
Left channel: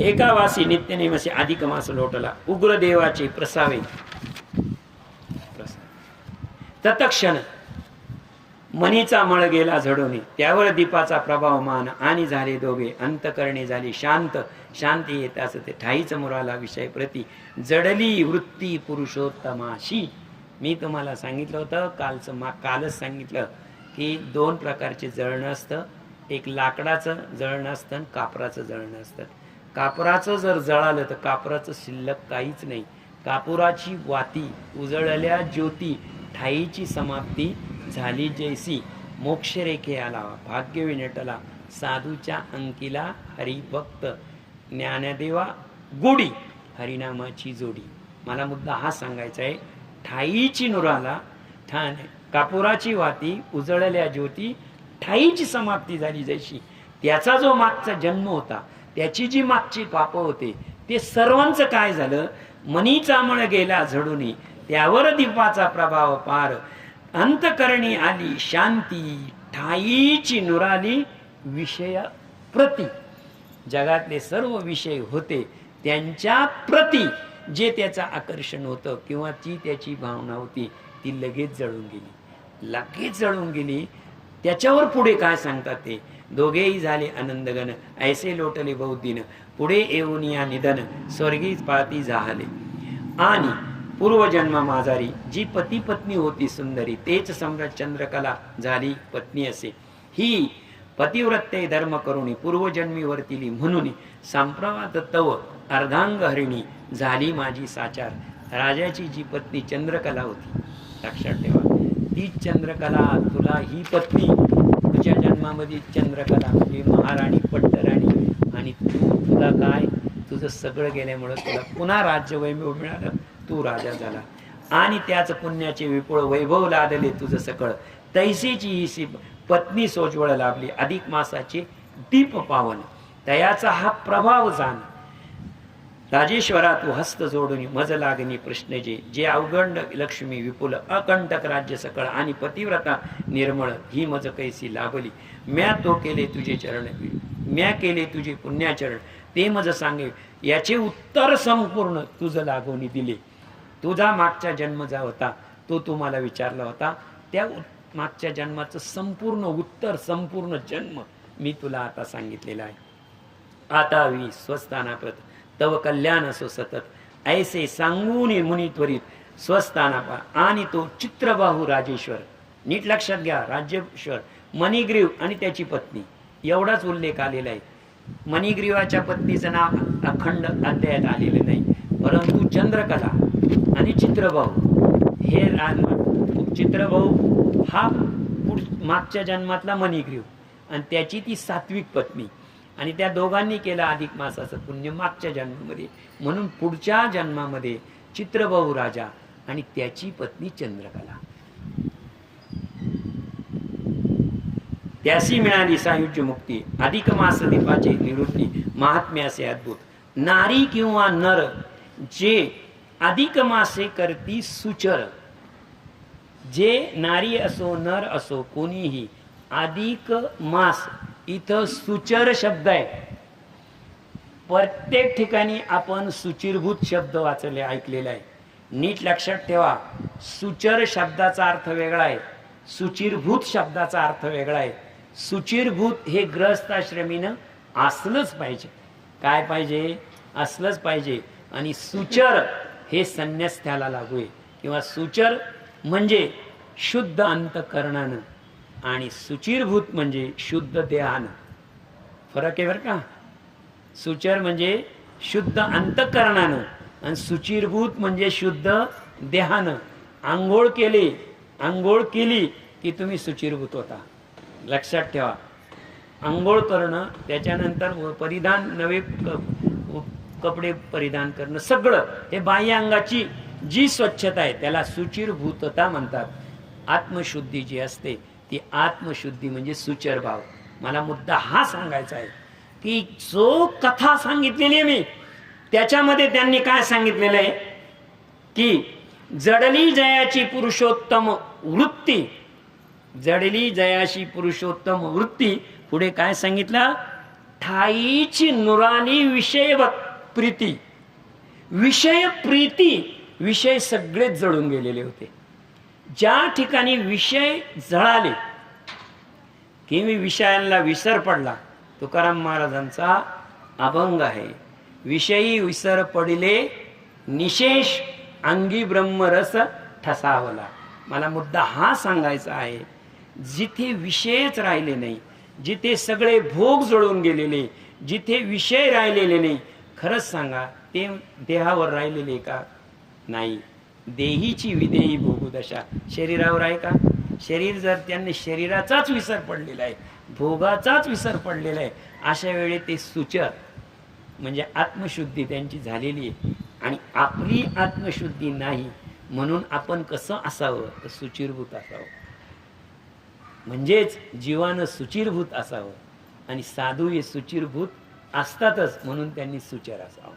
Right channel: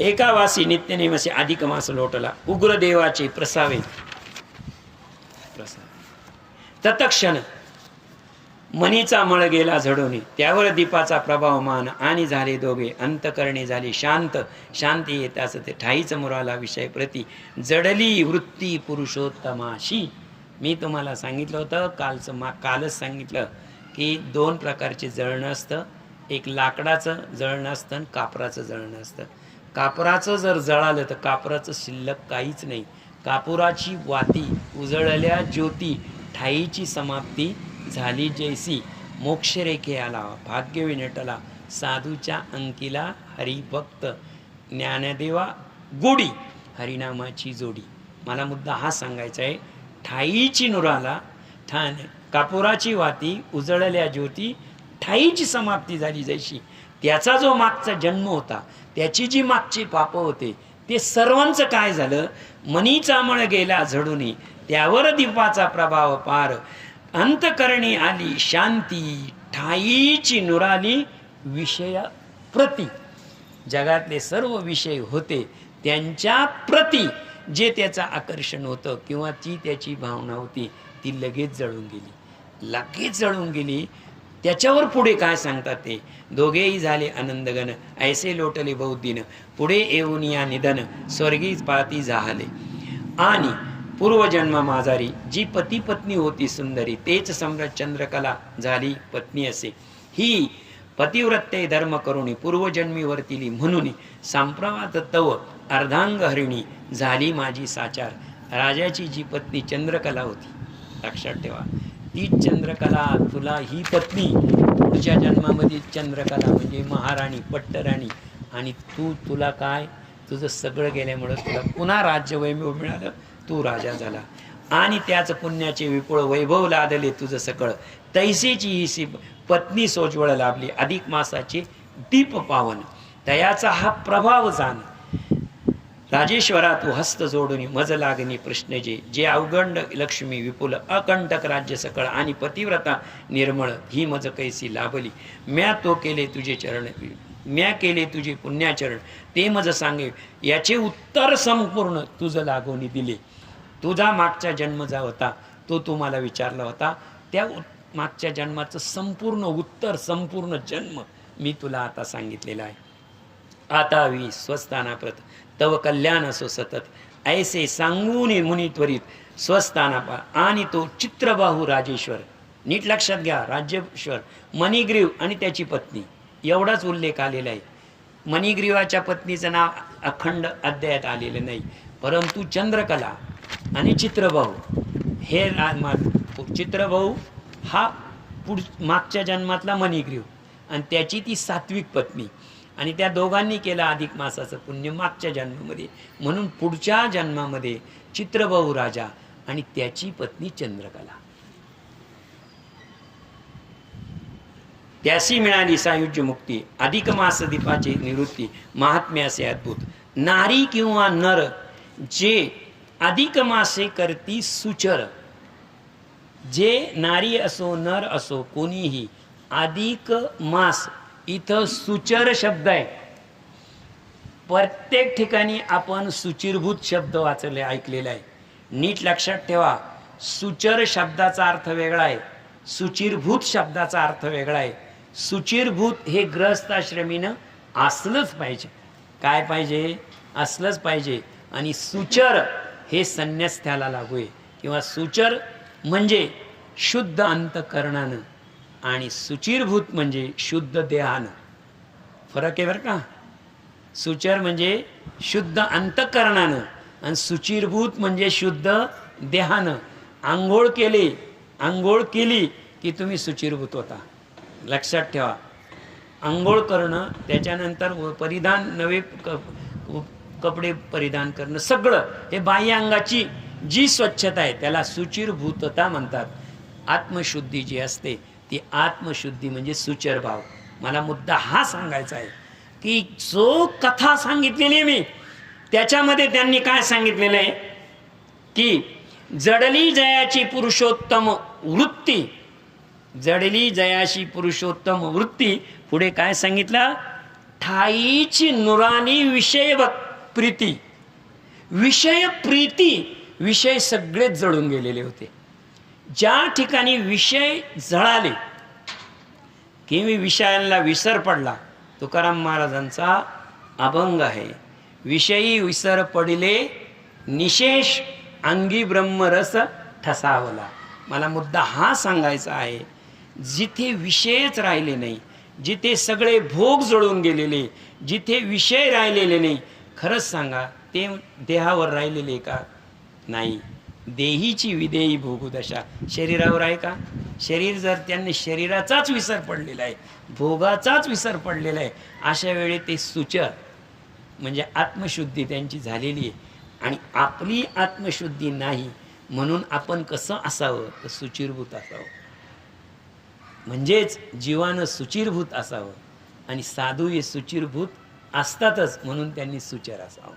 एकावासी नित्यनेमसे अधिक मास लोटला. उग्रदेवाचे प्रसावे तत्क्षण मनीचा मळ गेला झडवणे. त्यावर दीपाचा प्रभाव मान आणि झाले दोघे अंतकरणे झाली शांत. शांती येताच ते ठाईच मुराला विषय प्रती जडली वृत्ती पुरुषोत्तमाशी. मी तुम्हाला सांगितलं होतं कालच सांगितलं की 2 प्रकारचे जळणं असतं. एक लाकडाचं जळणं असतं आणि कापराचं जळणं असतं. कापराचं जर जळालं तर कापराचं शिल्लक काहीच नाही. कापुराची वाती उजळल्या ज्योती ठाईची समाप्ती झाली जैसी. मोक्षरेखे आला भाग्य विनटला साधूच्या अंकीला हरिभक्त. ज्ञानदेवा गोडी हरिनामाची जोडी. मला मुद्दा हा सांगायचा आहे. ठाईची नुराला कापुराची वाती उजळल्या ज्योती ठाईची समाप्ती झाली जैशी. त्याचा जो मागचा जन्म होता, त्याची जी मागची पाप होते, ते सर्वांचं काय झालं? मनीचा मळ गेला झडून. त्यावर दीपाचा प्रभाव पार अंतकरणी आली शांती. ठाईची नुराली विषय प्रती. जगातले सर्व विषय होते त्यांच्या प्रती जे त्याचं आकर्षण होतं किंवा ती त्याची भावना होती, ती लगेच जळून गेली. लगेच जळून गेली. त्याच्यावर पुढे काय सांगतात ते, दोघेही झाले आनंदगण, ऐसे लोटले बहुदिन, पुढे येऊन या निधन, स्वर्गी पाळती जाहले. आणि पूर्वजन्म माझारी जी पती पत्नी होती सुंदरी, तेच सम्राट चंद्रकला झाली पत्नी असे. ही पतिव्रते धर्म करुणी पूर्वजन्मी वर्तिली, म्हणून संप्रवात तव अर्धांग हरिणी झाली माझी साचार. राजाची जी पत्नी चंद्रकला होती, लक्षात ठेवा, ती चंद्रकला तुला ही पत्नी पुढच्या जन्मामध्ये चंद्रकला म्हणजे महाराणी पट्टराणी, आणि तुला काय तुझं सगळं गेल्यामुळं तुला पुन्हा राज्यवैभव मिळालं, तू राजा झाला आणि त्याच पुण्याचे विपुळ वैभव लादले तुझं सकळ. तैसेची ही पत्नी सोज्वळ लाभली, अधिक मासाचे दीप पावन, तयाचा हा प्रभाव जाण. राजेश्वरा तू हस्त जोडून मज लागणी प्रश्न जे अवगंड लक्ष्मी विपुल अकंटक राज्य सकळ, आणि पतिव्रता निर्मळ ही मज कैसी लाभली. म्या तो केले तुझे चरण, म्या केले तुझे पुण्याचरण, ते मज सांगे याचे उत्तर संपूर्ण तुझं लागून दिले. तुझा मागचा जन्म जा होता तो तुम्हाला विचारला होता, त्या मागच्या जन्माचं संपूर्ण उत्तर, संपूर्ण जन्म मी तुला आता सांगितलेला आहे. आता वी स्वस्थानाप्रत तव कल्याण असो सतत, ऐसे सांगून मुनी त्वरित स्वस्थाना पा. आणि तो चित्रबाहू राजेश्वर, नीट लक्षात घ्या, राज्येश्वर मणिग्रीव आणि त्याची पत्नी एवढाच उल्लेख आलेला आहे. मणिग्रीवाच्या पत्नीचं नाव अखंड अध्यायात आलेलं नाही, परंतु चंद्रकला आणि चित्रबाहू हे चित्रबाहू हा मागच्या जन्मातला मणिग्रीव आणि त्याची ती सात्विक पत्नी, आणि त्या दोघांनी केला अधिक मासाचं पुण्य मागच्या जन्मामध्ये, म्हणून पुढच्या जन्मामध्ये चित्रबाहू राजा आणि त्याची पत्नी चंद्रकला. त्यासी मिळाली सायुज्य मुक्ती, अधिक मास दीपाची निवृत्ती, महात्म्य असे अद्भुत. नारी किंवा नर जे अधिक मासे करती सुचर, जे नारी असो नर असो कोणीही, अधिक मास इथं सुचर शब्द आहे. प्रत्येक ठिकाणी आपण सुचिरभूत शब्द वाचले ऐकलेला आहे, नीट लक्षात ठेवा. सुचर शब्दाचा अर्थ वेगळा आहे, सुचिरभूत शब्दाचा अर्थ वेगळा आहे. सुचिरभूत हे ग्रहस्थाश्रमीनं असलंच पाहिजे, काय पाहिजे, असलंच पाहिजे. आणि सुचर हे संन्यस्थाला लागू आहे, किंवा सुचर म्हणजे शुद्ध अंतकरणानं आणि सुचिरभूत म्हणजे शुद्ध देहानं. फरक आहे बरं का. सुचर म्हणजे शुद्ध अंतकरणानं आणि सुचिरभूत म्हणजे शुद्ध देहानं. आंघोळ केली की तुम्ही सुचिरभूत होता, लक्षात ठेवा. आंघोळ करणं, त्याच्यानंतर परिधान, नवे कपडे परिधान करणं, सगळं हे बाह्य अंगाची जी स्वच्छता आहे त्याला सुचिरभूतता म्हणतात. आत्मशुद्धी जी असते ती आत्मशुद्धी म्हणजे सुचर भाव. मला मुद्दा हा सांगायचा आहे की जो कथा सांगितलेली आहे मी, त्याच्यामध्ये त्यांनी काय सांगितलेलं आहे की जडली जयाची पुरुषोत्तम वृत्ती, जडली जयाशी पुरुषोत्तम वृत्ती. पुढे काय सांगितलं, ठाईची नुरानी विषय प्रीती, विषय प्रीती, विषय सगळेच जळून गेलेले होते. ज्या ठिकाणी विषय जळाले की विषयांना विसर पडला, तुकाराम महाराजांचा अभंग आहे, विषयी विसर पडिले निशेष अंगी ब्रह्मरस ठसावला. मला मुद्दा हा सांगायचा आहे, जिथे विषयच राहिले नाही, जिथे सगळे भोग जळून गेलेले, जिथे विषय राहिलेले नाही, खरंच सांगा ते देहावर राहिलेले का? नाही. देहीची विदेही भोगुदशा शरीरावर आहे का? शरीर जर त्यांनी शरीराचाच विसर पडलेला आहे, भोगाचाच विसर पडलेला आहे, अशा वेळी ते सुचर म्हणजे आत्मशुद्धी त्यांची झालेली आहे. आणि आपली आत्मशुद्धी नाही, म्हणून आपण कसं असावं तर सुचिरभूत असावं, म्हणजेच जीवानं सुचिरभूत असावं. आणि साधू हे सुचिरभूत असतातच, म्हणून त्यांनी सुचर असावं.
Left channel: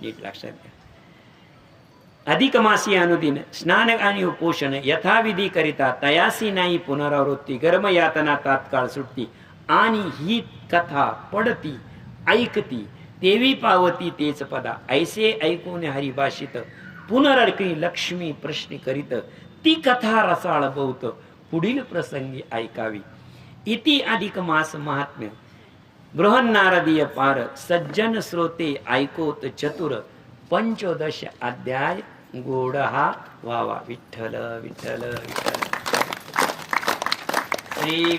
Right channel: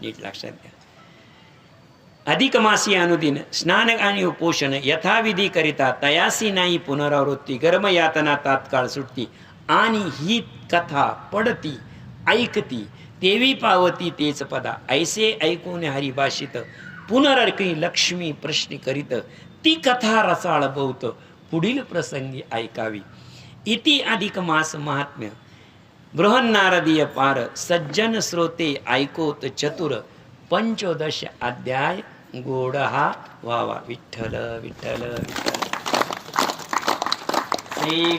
नीट लक्षात घ्या. अधिक मासी अनुदिन स्नान आणि उपोषण यथाविधी करिता, तयासी नाही पुनरावृत्ती, गर्म यातना तात्काळ सुटती. आणि ही कथा पडती ऐकती देवी पावती तेच पदा, ऐसे ऐकून हरिभाषित पुनरर्की लक्ष्मी प्रश्न करीत, ती कथा रसाळ बहुत पुढील प्रसंगी ऐकावी. इति अधिक मास महात्म्य बृहन्नारदीय पार सज्जन श्रोते ऐकोत चतुर 15 अध्याय गोड हा व्हावा. विठ्ठल विठ्ठल विठ्ठल. श्री